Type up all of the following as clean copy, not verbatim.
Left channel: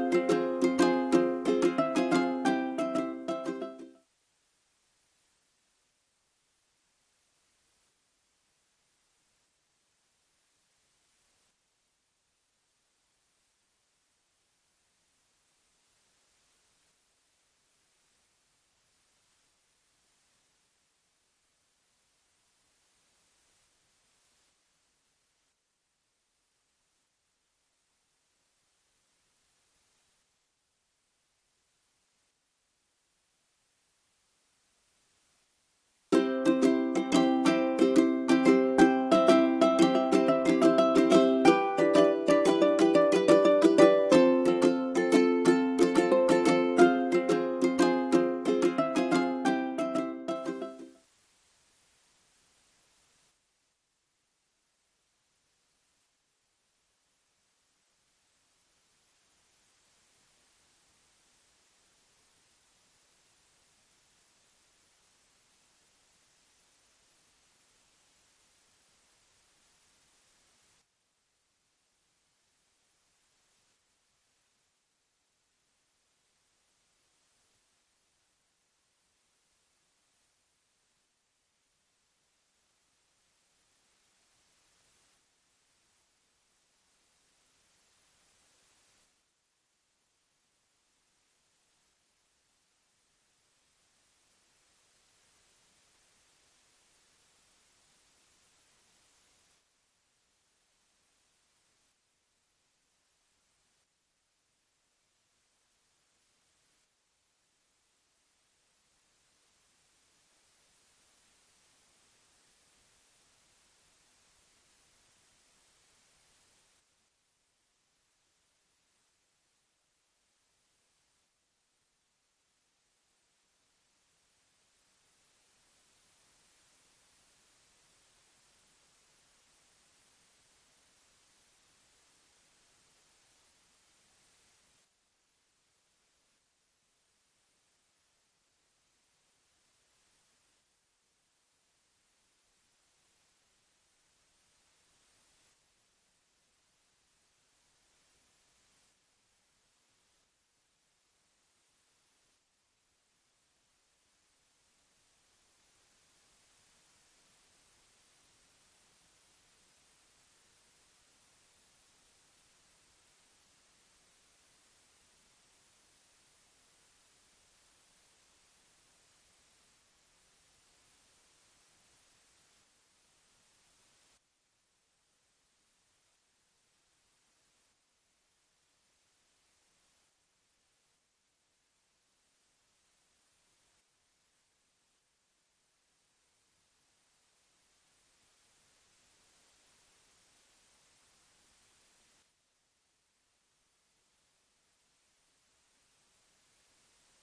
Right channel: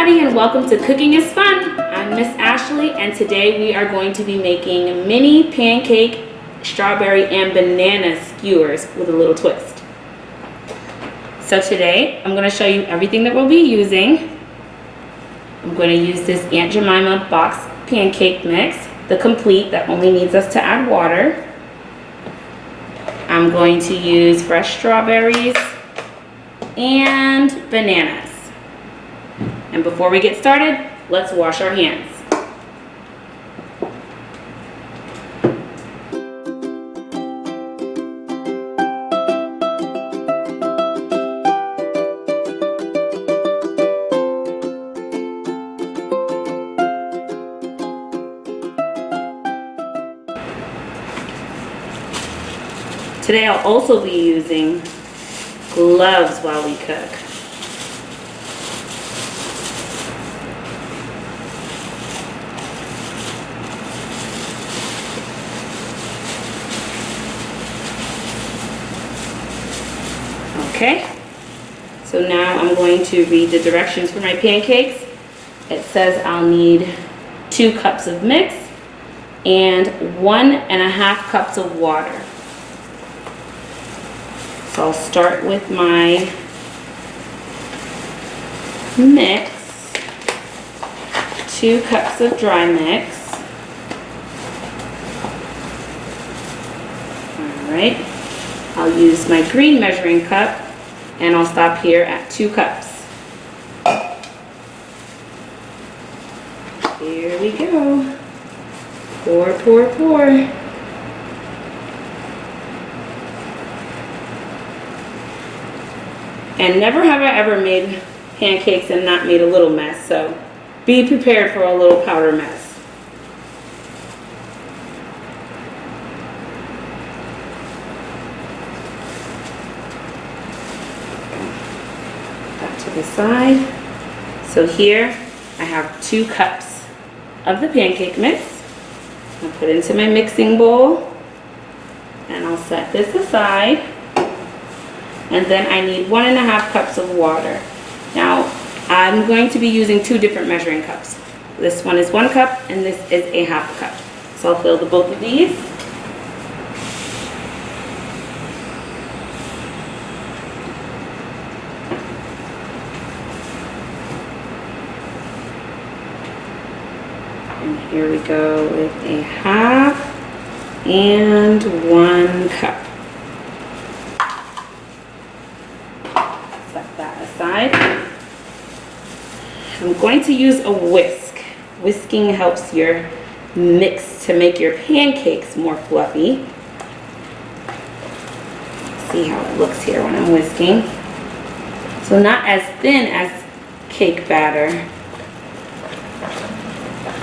everybody, and welcome to Cooking is Fun. I'm Miss Ashley, and today we are going to be making mini pancake, strawberry, and banana skewers with a little twist. So today, I'm going to show you everything that we'll be using. I'm going to use this Aunt Jemima box pancake mix, the complete that only needs us to add water. I'm going to use fresh strawberries and bananas. And before we get started, let's wash our hands. Today I'll also be using gloves while we cook. Okay, so now I'm going to read the directions for my pancakes. It says I'll need 2 cups of mix and 1.5 cups of water. So I'll start with my mix, 2 cups of dry mix. All right, I'll use my green measuring cup and I'll stop here at 2 cups. Here we go. Pour, pour, pour. And never have I ever made pancakes and not made a little mess, so be prepared for a little powder mess. That to the side. So here I have 2 cups of the pancake mix. I'll put it into my mixing bowl and I'll set this aside. And then I need 1.5 cups of water. Now, I'm going to be using 2 different measuring cups. This one is 1 cup and this is a 1/2 cup. So I'll fill the both of these. And here we go with a 1/2 and 1 cup. I'm going to use a whisk. Whisking helps your mix to make your pancakes more fluffy. See how it looks here when I'm whisking. So not as thin as cake batter,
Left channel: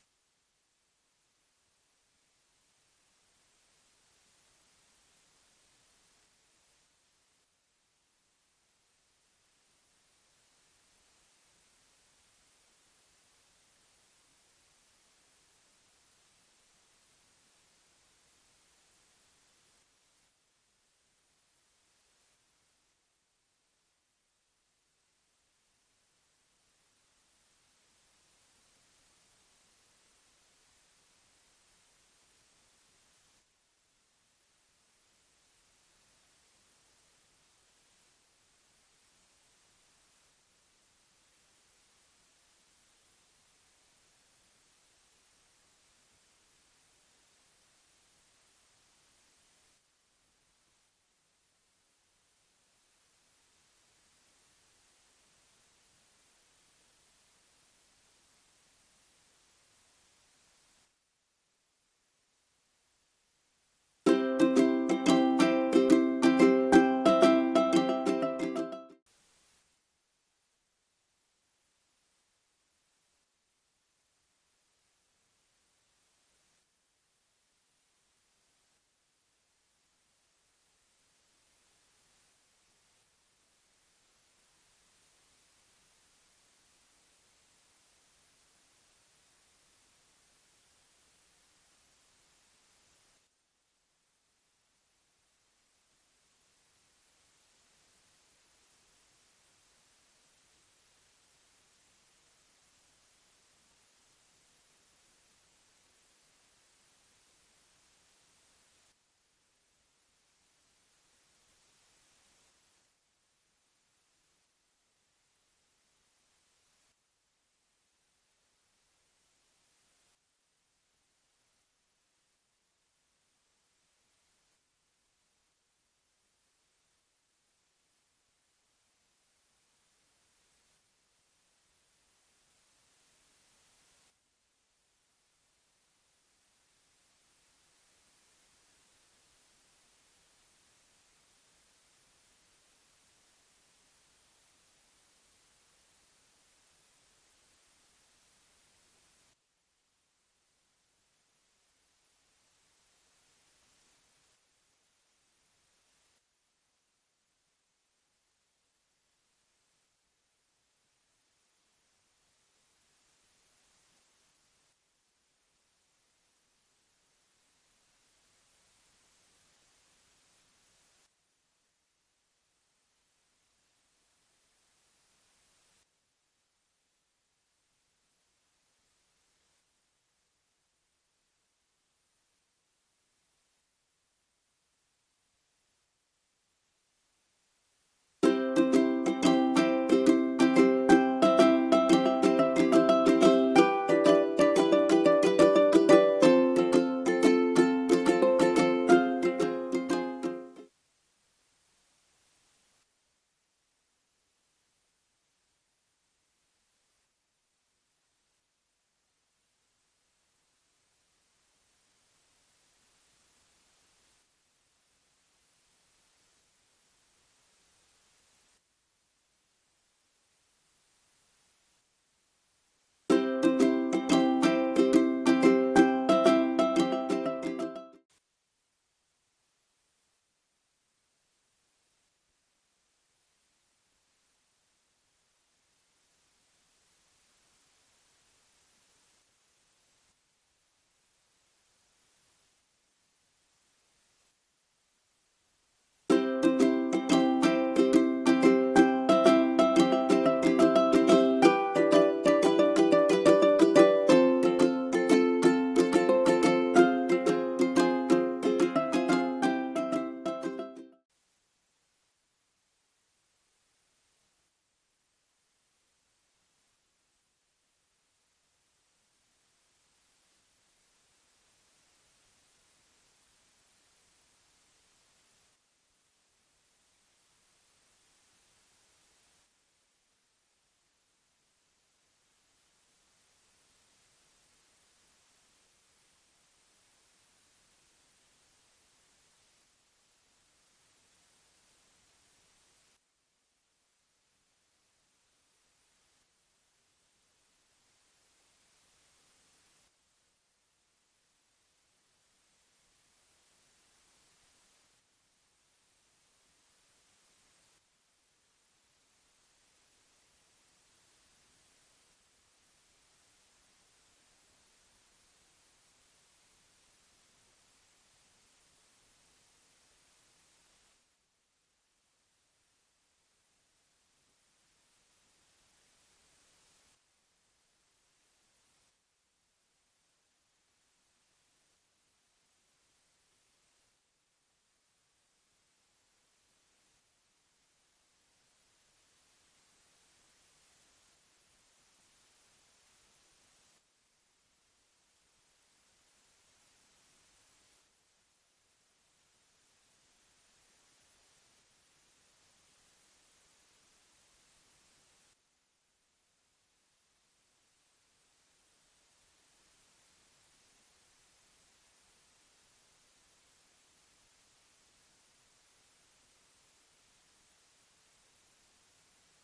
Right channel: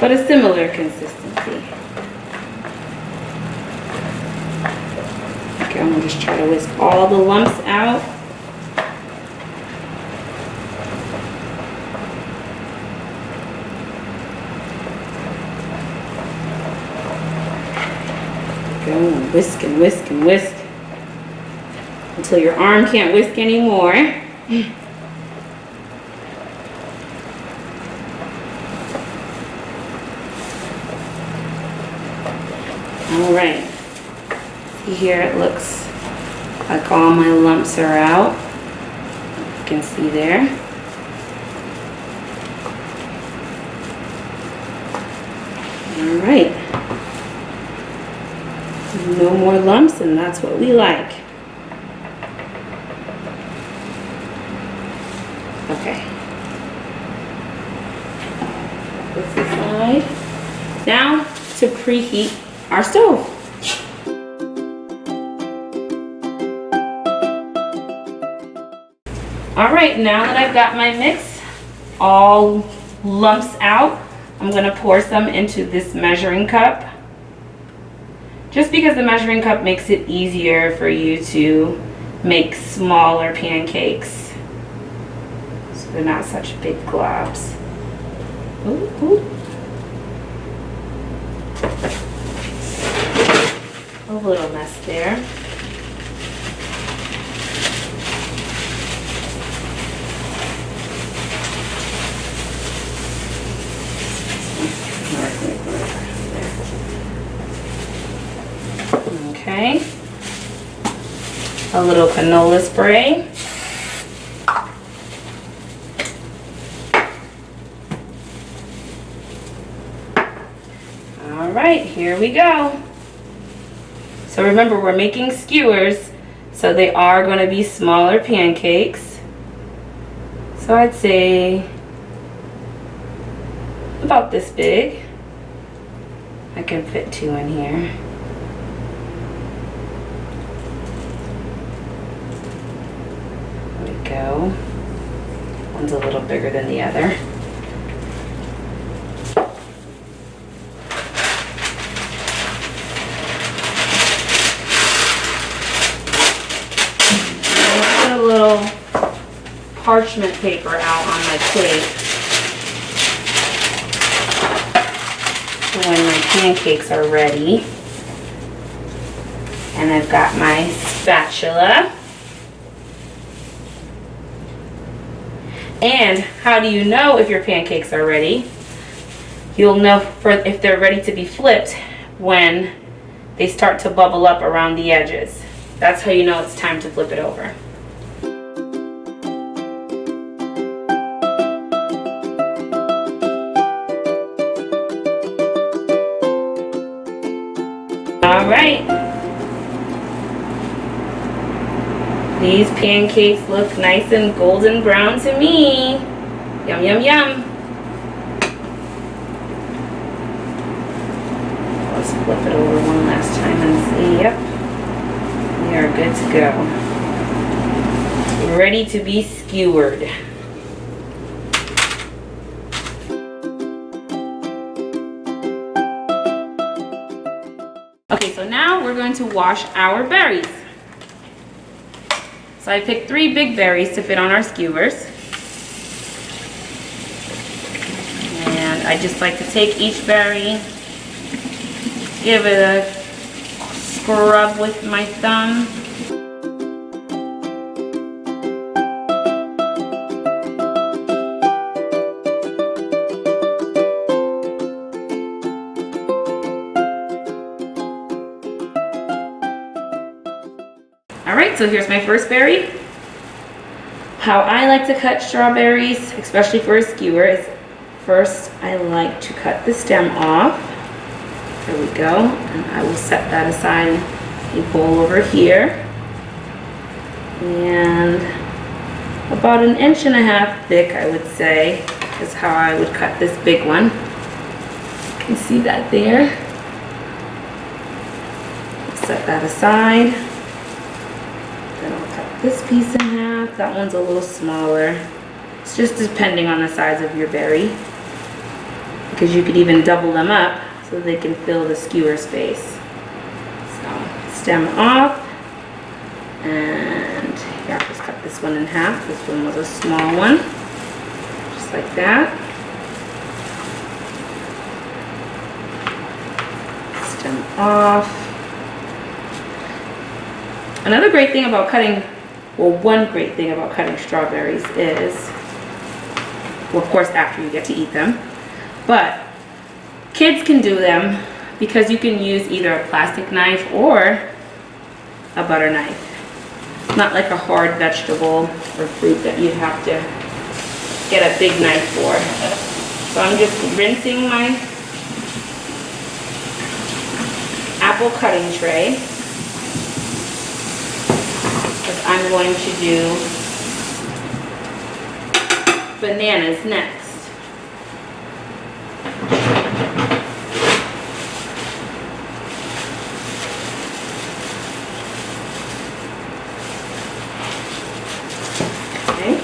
but a similar consistency. Okay, I'm gonna just try to whisk all the lumps out. Go and whisk and whisk and whisk until your arm can't whisk anymore. All right, see here it looks like all my lumps are out. You can see there. All right. No more lumps, and that's what we like. Okay. This aside. Now to preheat our stove. All right, now that I've got my mix all lumps out, I'm gonna pour some into this measuring cup. Just because the measuring cup makes it easier for you to make smaller pancakes. So they're not such big globs. Ooh, ooh. A little mess there. Okay. A little canola spray. All right, here we go. So remember, we're making skewers, so they are going to be smaller pancakes. So I'd say about this big. I can fit 2 in here. There we go. One's a little bigger than the other. Parchment paper out on my plate when my pancakes are ready. And I've got my spatula. And how do you know if your pancakes are ready? You'll know if they're ready to be flipped when they start to bubble up around the edges. That's how you know it's time to flip it over. All right, these pancakes look nice and golden brown to me. Yum, yum, yum. Let's flip it over one last time and see. Yep, we are good to go. Ready to be skewered. Okay, so now we're going to wash our berries. So I picked 3 big berries to fit on our skewers. And I just like to take each berry, give it a scrub with my thumb. Alright, so here's my first berry. How I like to cut strawberries, especially for a skewer, is first I like to cut the stem off. There we go. And I will set that aside in a bowl over here. And about 1.5 inches thick, I would say, is how I would cut this big one. You can see that there. Set that aside. Then I'll cut this piece in half. That one's a little smaller. It's just depending on the size of your berry, because you could even double them up so they can fill the skewer space. So stem off, and yeah, just cut this one in half. This one was a small one, just like that. Stem off. Another great thing about cutting, well, one great thing about cutting strawberries is, well, of course, after you get to eat them, but kids can do them because you can use either a plastic knife or a butter knife. Not like a hard vegetable or fruit that you'd have to get a big knife for. So I'm just rinsing my apple cutting tray. I'm going to do bananas next. Okay.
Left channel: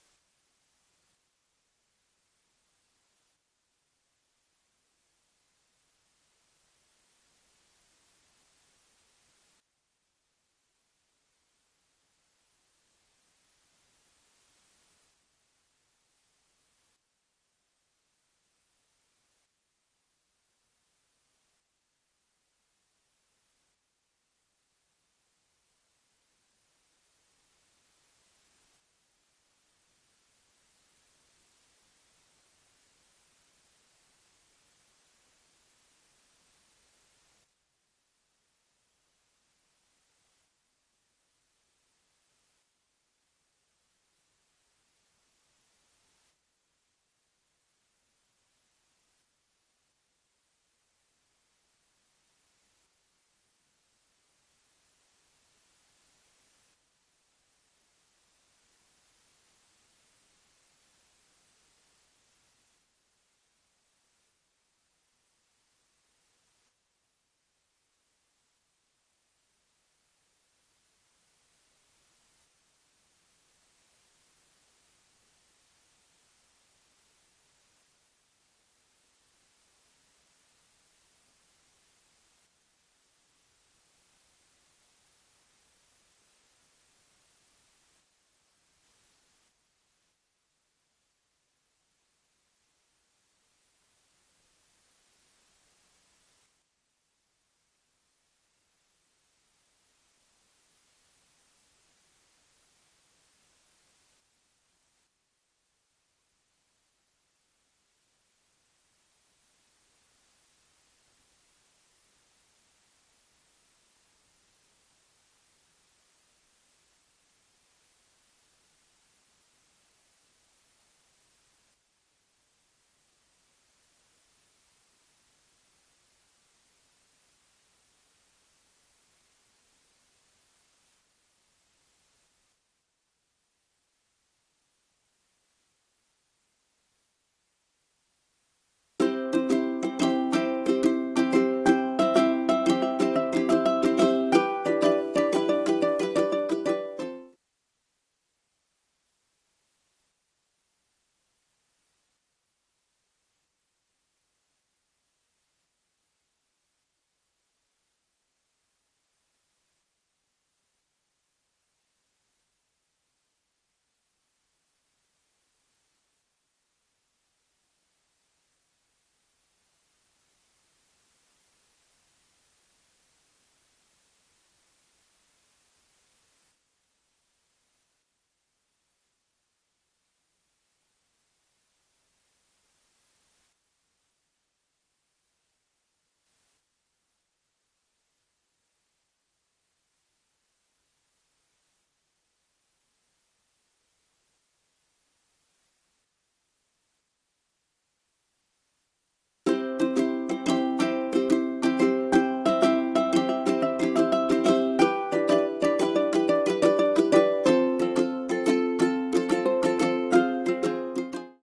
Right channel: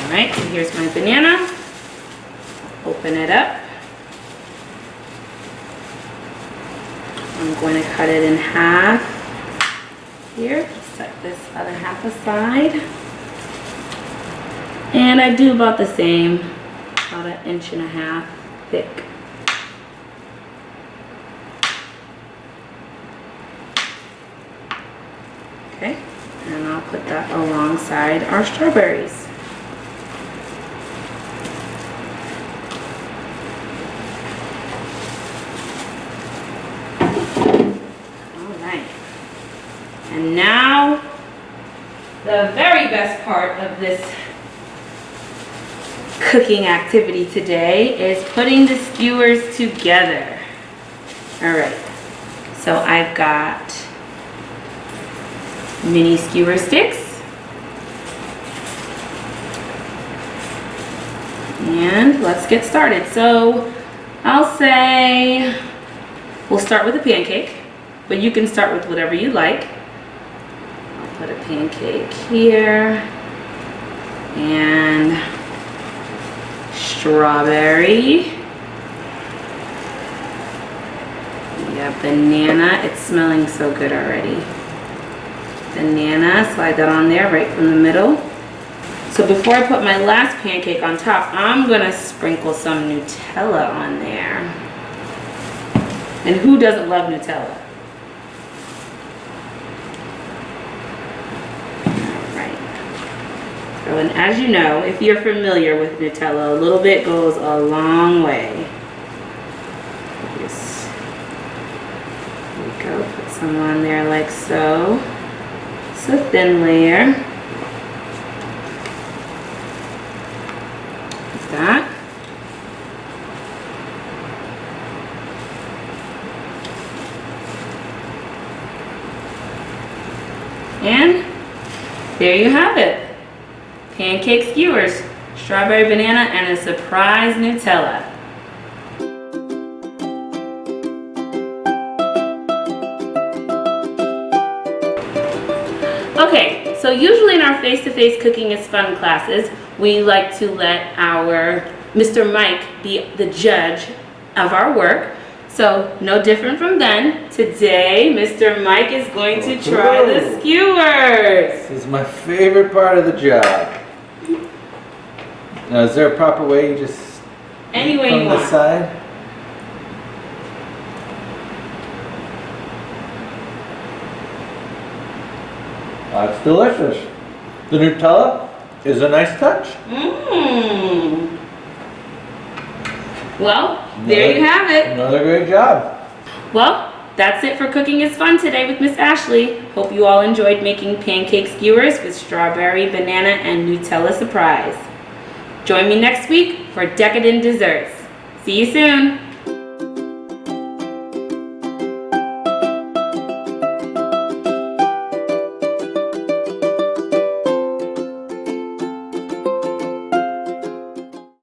All right, so here's my banana. Open it up. I'm going to cut it in half here. Set this other half aside. And I do about the same, about 1.5 inches thick. Okay, and I'll put that alongside our strawberries. the very best part of this cooking activity today is putting the skewers together. All right, so I've got mini skewer sticks. And let's get started. So I'll say we'll start with a pancake, but you can start with whatever you like. I'll put a pancake here and strawberry. Yeah, banana. It's smelling so good already. Banana, slide that on there right from the middle. So before I put my last pancake on top, I'm gonna sprinkle some Nutella on there. And who doesn't love Nutella? All right. So, and as you know, if you're familiar with Nutella, a little bit goes a long way. Just, there we go, put some on there like so. It's a thin layer. That. And there you have it. Pancake skewers, strawberry banana, and a surprise Nutella. Okay, so usually in our face-to-face cooking is fun classes, we like to let our Mr. Mike be the judge of our work. So no different from then. Today, Mr. Mike is going to try the skewers. This is my favorite part of the job. Now, is there a proper way you just Any way from you the want. side? That's delicious. The Nutella is a nice touch. Mmm. Well, there you have it. Another great job. Well, that's it for Cooking is Fun today with Miss Ashley. Hope you all enjoyed making pancake skewers with strawberry, banana, and Nutella surprise. Join me next week for decadent desserts. See you soon.